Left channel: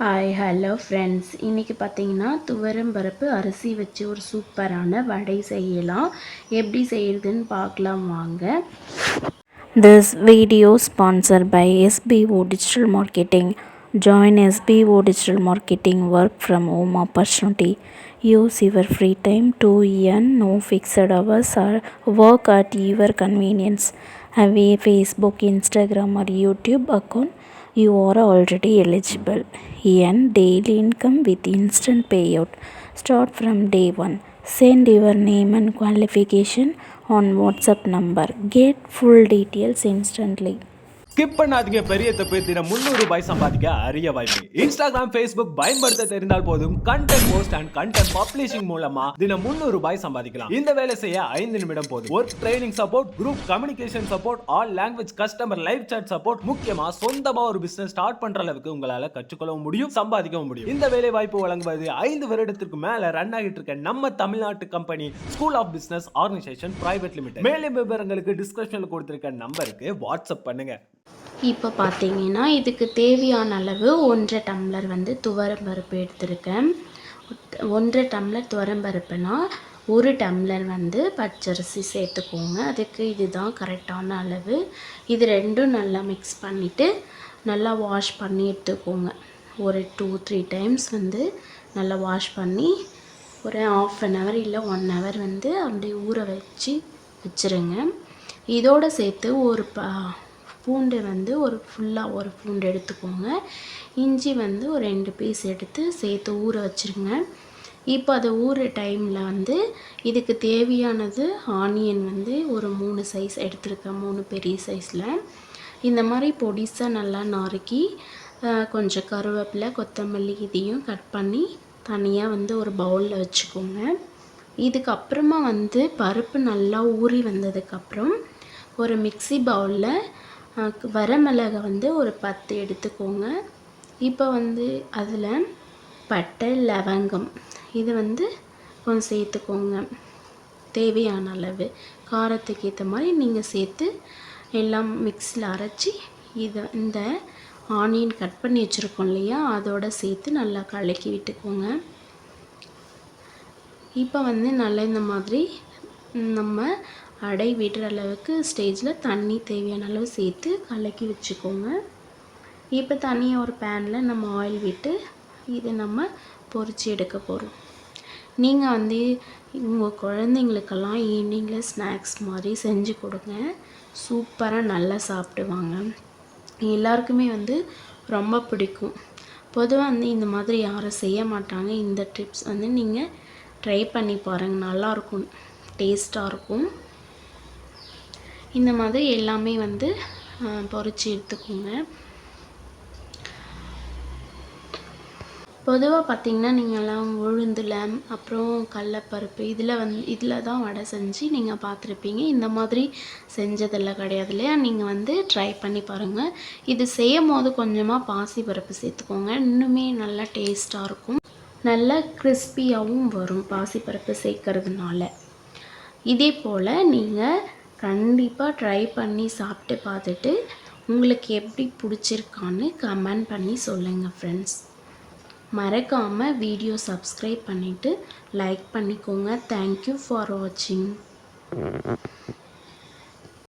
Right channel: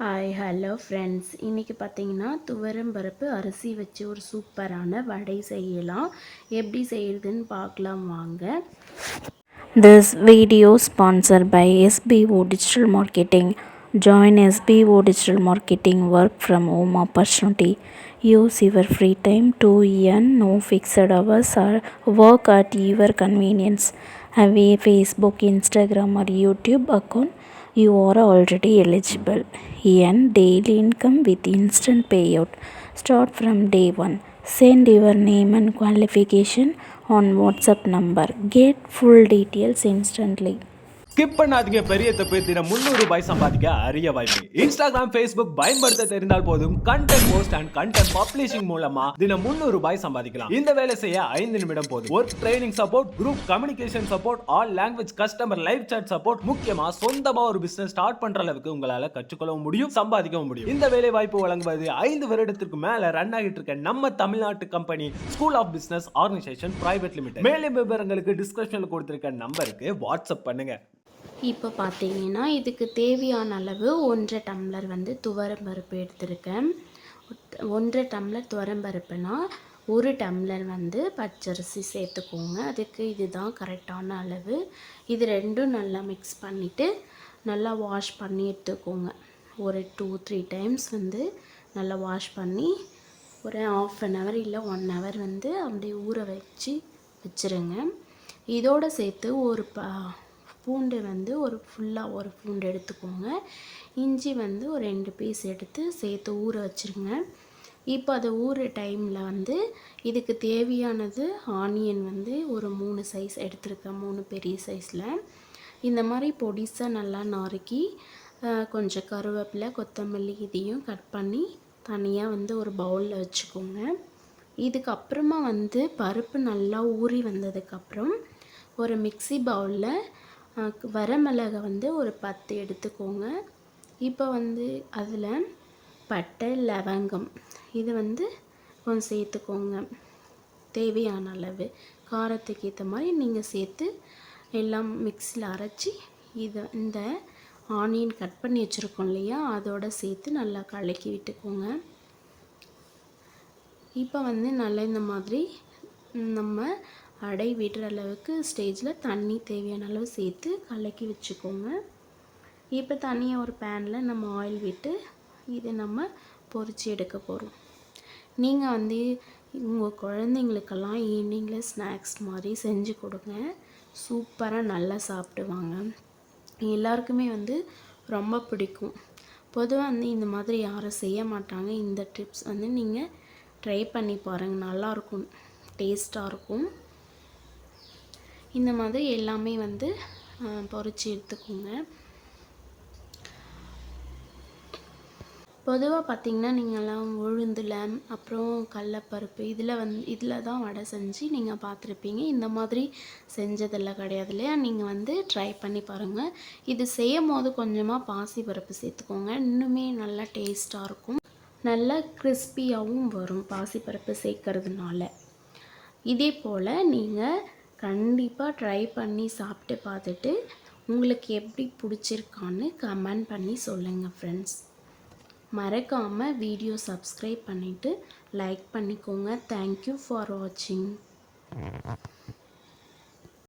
Hi hello friends, இன்றைக்கி பார்த்தீங்கன்னா துவரம் பருப்பு அரிசி வச்சு ஒரு சூப்பரான வடை செய்யலாம். எப்படி செய்கிறதுன்னு பார்க்கலாம் வாங்க. This video sponsored by SBO Digital Marketing. Join SBO Digital Marketing work from home opportunity. Use your free time to earn no fixed hours or work at your convenience. Have a Facebook, Instagram or YouTube account? You are already eligible. Earn daily income with instant payout. Start from day one. Send your name and qualification on WhatsApp number. Get full details instantly. Skip பண்ணாதீங்க, பெரிய தப்பு. தினம் 300 ரூபாய் சம்பாதிக்க அரிய வாய்ப்பு. Instagram, Facebook பயன்படுத்த தெரிந்தால் போதும். Content post and content publishing மூலமா தினம் 300 ரூபாய் சம்பாதிக்கலாம். இந்த வேலை செய்ய 5 நிமிடம் போதும். Work training support, group communication support, all language customer live chat support, முக்கியமா சொந்தமா ஒரு பிசினஸ் ஸ்டார்ட் பண்ற அளவுக்கு உங்களால கற்றுக்கொள்ளவும் முடியும், சம்பாதிக்கவும் முடியும். இந்த வேலை வாய்ப்பு வழங்குவது 5 வருடத்திற்கு மேல ரன் ஆகிட்டு இருக்க நம்ம தமிழ்நாட்டு company school of business organisation private limited. மேலும் விவரங்களுக்கு டிஸ்கிரிப்ஷன்ல கொடுத்திருக்க நம்பருக்கு வாட்ஸ்அப் பண்ணுங்க. இப்போ பார்த்தீங்கன்னா இதுக்கு தேவையான அளவு 1.5 டம்ளர் துவரம் பருப்பு எடுத்திருக்கேன். 1.5 டம்ளர் துவரம் பருப்புனா 1 டம்ளர் பச்சரிசி சேர்த்துக்கோங்க. அதுக்கு இதுதான் கரெக்டான அளவு. இது ரெண்டும் நல்லா மிக்ஸ் பண்ணிவிட்டு நல்லா வாஷ் பண்ணி எடுத்துக்கோங்க. ஒரு 2-3 டைம்ஸ் நல்லா வாஷ் பண்ணி ஒரு 1/2 hour இல்லை 1 hour அப்படியே ஊற வச்சுருங்க. இதோடு சேர்த்து ஒரு பூண்டு ஒரு பூண்டு எடுத்துக்கோங்க. இஞ்சி ஒரு 2 பீஸ் எடுத்து சேர்த்து ஊற வச்சுருங்க. இப்போ அது ஊற டைமில் இதுக்கு தேவையானது ஆனியன் ஒரு 3 சைஸ் எடுத்துருக்கேன். 3 பெரிய சைஸில் இந்த மாதிரி பொடிசாக நல்லா நறுக்கி கொஞ்சம் கருவேப்பிலை, கொத்தமல்லி இதையும் கட் பண்ணி தனியாக ஒரு பவுலில் வச்சுக்கோங்க. இதுக்கப்புறமா பருப்பு நல்லா ஊறி வந்ததுக்கப்புறம் ஒரு மிக்ஸி பவுலில் வரமிளகா ஒரு 10 எடுத்துக்கோங்க. இப்போ அதில் பட்டை, லவங்கம் இது கொஞ்சம் சேர்த்துக்கோங்க. தேவையான அளவு காரத்துக்கு ஏற்ற மாதிரி நீங்கள் சேர்த்து எல்லாம் மிக்ஸியில் அரைச்சி இந்த ஆனியன் கட் பண்ணி வச்சுருக்கோம் இல்லையா, அதோடு சேர்த்து நல்லா கலக்கி விட்டுக்கோங்க. இப்போ நல்லா இந்த மாதிரி நம்ம அடை விடுற அளவுக்கு ஸ்டேஜில் தண்ணி தேவையான அளவு சேர்த்து கலக்கி வச்சுக்கோங்க. இப்போ தனியாக ஒரு பேனில் நம்ம ஆயில் விட்டு இதை நம்ம பொரித்து எடுக்க போகிறோம். நீங்கள் உங்கள் குழந்தைங்களுக்கெல்லாம் ஈவினிங்கில் ஸ்நாக்ஸ் மாதிரி செஞ்சு கொடுங்க. சூப்பராக நல்லா சாப்பிடுவாங்க. எல்லாருக்குமே ரொம்ப பிடிக்கும். பொதுவாக இந்த மாதிரி யாரும் செய்ய மாட்டாங்க. இந்த டிப்ஸ் நீங்கள் ட்ரை பண்ணி பாருங்கள், நல்லாயிருக்கும், டேஸ்ட்டாக இருக்கும். இந்த மாதிரி எல்லாமே பொரித்து எடுத்துக்கோங்க. பொதுவாக பார்த்திங்கன்னா நீங்கள்லாம் உளுந்தில் அப்புறம் கடலப்பருப்பு இதில் தான் வடை செஞ்சு நீங்கள் பார்த்துருப்பீங்க. இந்த மாதிரி செஞ்சதெல்லாம் கிடையாது இல்லையா. நீங்கள் ட்ரை பண்ணி பாருங்கள். இது செய்யும் போது கொஞ்சமாக பாசிப்பருப்பு சேர்த்துக்கோங்க. இன்னுமே நல்லா டேஸ்ட்டாக இருக்கும், நல்லா கிறிஸ்பியாகவும் வரும் பாசிப்பருப்பு சேர்க்கறதுனால. இதே போல் நீங்கள் கண்டிப்பாக ட்ரை பண்ணி சாப்பிட்டு பார்த்துட்டு உங்களுக்கு எப்படி பிடிச்சிருக்கான்னு கமெண்ட் பண்ணி சொல்லுங்கள் ஃப்ரெண்ட்ஸ். மறக்காமல் வீடியோ சப்ஸ்கிரைப் பண்ணிவிட்டு லைக் பண்ணிக்கோங்க. தேங்க்யூ ஃபார் வாட்சிங்.